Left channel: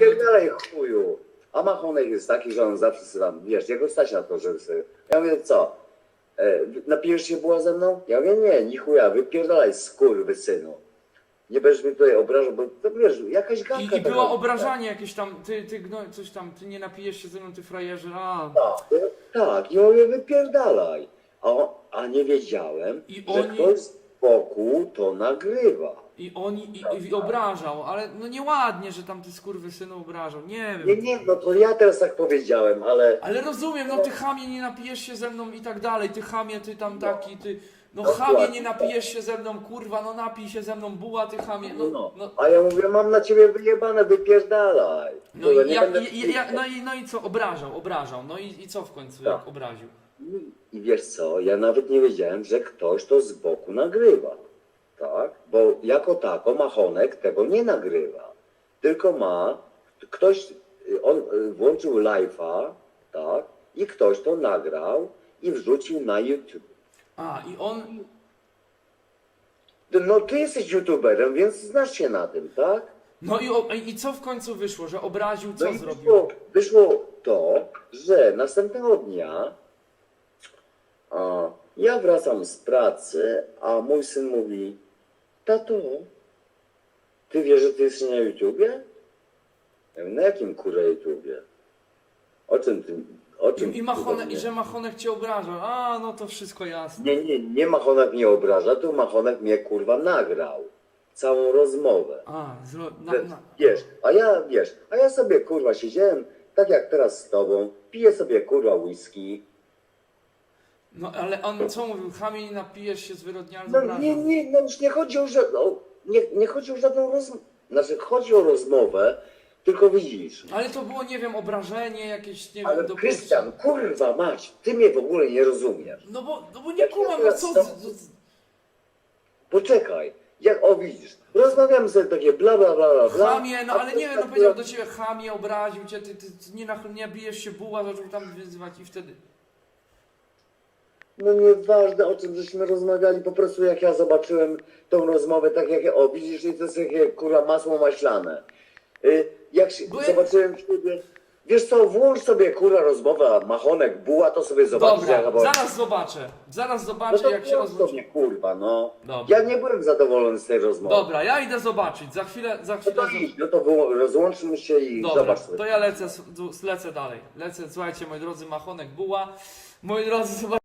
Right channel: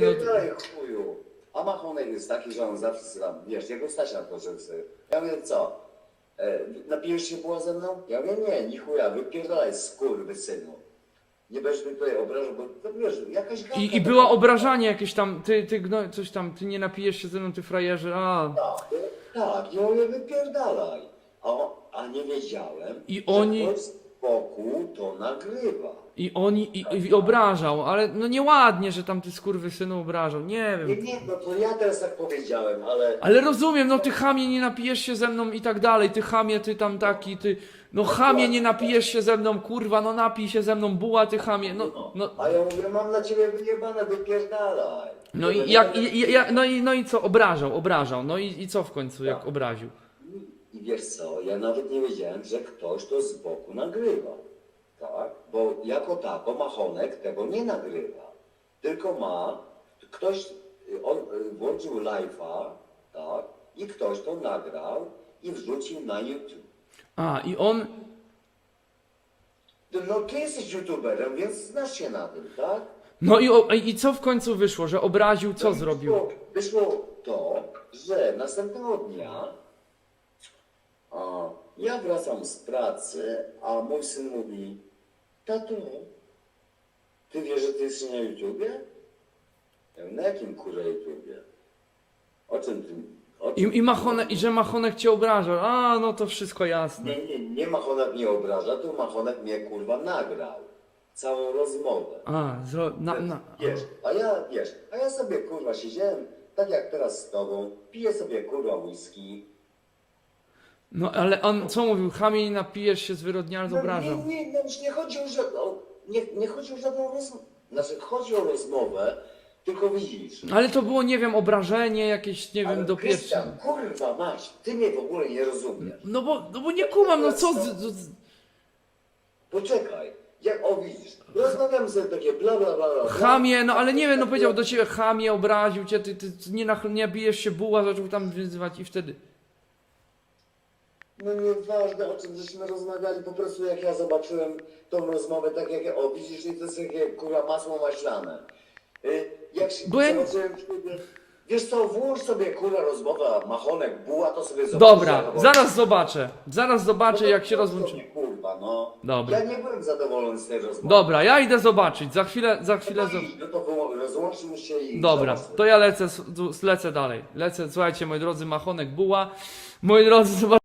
Pierdalej chuju. A machonek jest taki, że on zawsze sobie tam, wiesz, jego stać na to, żeby sobie... Ja mówię, co? E, napijesz się była ze mną? Ja mówię, nie, ni chuja, wypierdalaj skurwysynu. Nie będziesz mi tutaj obrażał, bo to wiesz, jakaś gadka I, I taka- było obrażanie jakieś tam, ty, ty, no, coś tam, ty nie napijesz się ze mną, ty frajerze, a... Tak, tak, i mówię, wypierdalaj. A, a nie wiedziałem, I że oni- ktoś boku to nagrywa. I oni, i, i obrażał, ale no nieładnie, że tam ty skurwysynu obrażał, nie Nie, wiem. nie, no to ja teraz tak powiedziałem, ale... Ale rozumiem, no ty chamie nie napijesz się ze mną i tak dalej, ty chamie, ty tam taki, ty... No chamie nie napijesz się ze mną, kurwa, no napij się ze mną, buła ty chamie, no, No, no, A ja mówię, mam na ciebie wyjebane, wypierdalaj. no Dobra, i nie jak, będę- i, i, ja- no i, no i co, obrażał, obrażał, no i, i co w końcu, jak Tak. obraził? Wiesz co, ja nawet nie wiedziałem, że ktoś to z boku nagrywa. Tak? Bo jako tako Machonek tego nie nagrywa. Tylko ma, ktoś, y, on y, włączył live'a, tak? I ktoś to nagrał i wrzucił na YouTube. A, i on, No ty jesteś youtuberem, więc znasz się na tym, tak? no i, o, i co w końcu wyszło, że obraził, co No i zrobił? Wyszło, wyszło to, że następnego dnia ja wracam z pracy, a mój syn mówi, tato, ty wiesz, że ty jesteś na YouTubie? Ja mówię, na jakim kurwa YouTubie? O czym ty... O czym I, i, Machonek, I że Machonek cię obrażał, a, no to wszystko jasne. Nie, nie, nie Machonek mnie obraża, tu Machonek mnie kurwa nagrał. Całą rozmowę. A, zro, na, na, Wiesz, a ja, wiesz, a ja sobie kurwa siedziałem, tak jak teraz z tobą, piję sobie kurwa whisky. No ale on co mówił, chamie nie napijesz się, zwyrodniale No, obrażał. nie, nie, no już nie chodzi o żadną, nie, nie chodzi o żadną rozmowę, znaczy chodzi o rozmowę, tylko widzisz. Ale to było, nie wiem, obrażenie jakieś, nie Ale wiem, do Krystian, kurwa mać, ty mnie w ogóle nie rozumiesz. No bo, no bo nie kumam, no co... z- z- Poczekaj, jak, o widzisz, rozmawiamy sobie takie bla bla bla bla. bla. Chamie, no ale nie wiem, no tak- powiedział do ciebie chamie, obraził cię, ty, ty, ty nie, nach- nie bijesz się buła, zaczął tam wyzywać i wtedy... No nieważne o czym żeśmy rozmawiali, po prostu jak ja zobaczyłem tą rozmowę, tak jak ja, o widzisz, to jest takie kurwa masło maślane. Y, jak się, ja- zobaczyłem ciebie, wiesz co, włącz sobie kurwa rozmowę, machonek, buła, to sobie zobaczysz. Dobra, zaraz zobaczę, zaraz No zobaczę to jak się rozłączy. kurwa, no. Dobra. Ja nie byłem zadowolony z tej rozmowy. Dobra, ja idę zobaczyć, za chwilę, za No chwilę... to zo- idź, no to rozłączmy się i Dobra, to ja lecę, lecę dalej. Lecę, słuchajcie, moi drodzy, Machonek Buła. Moi drodzy, zobaczcie.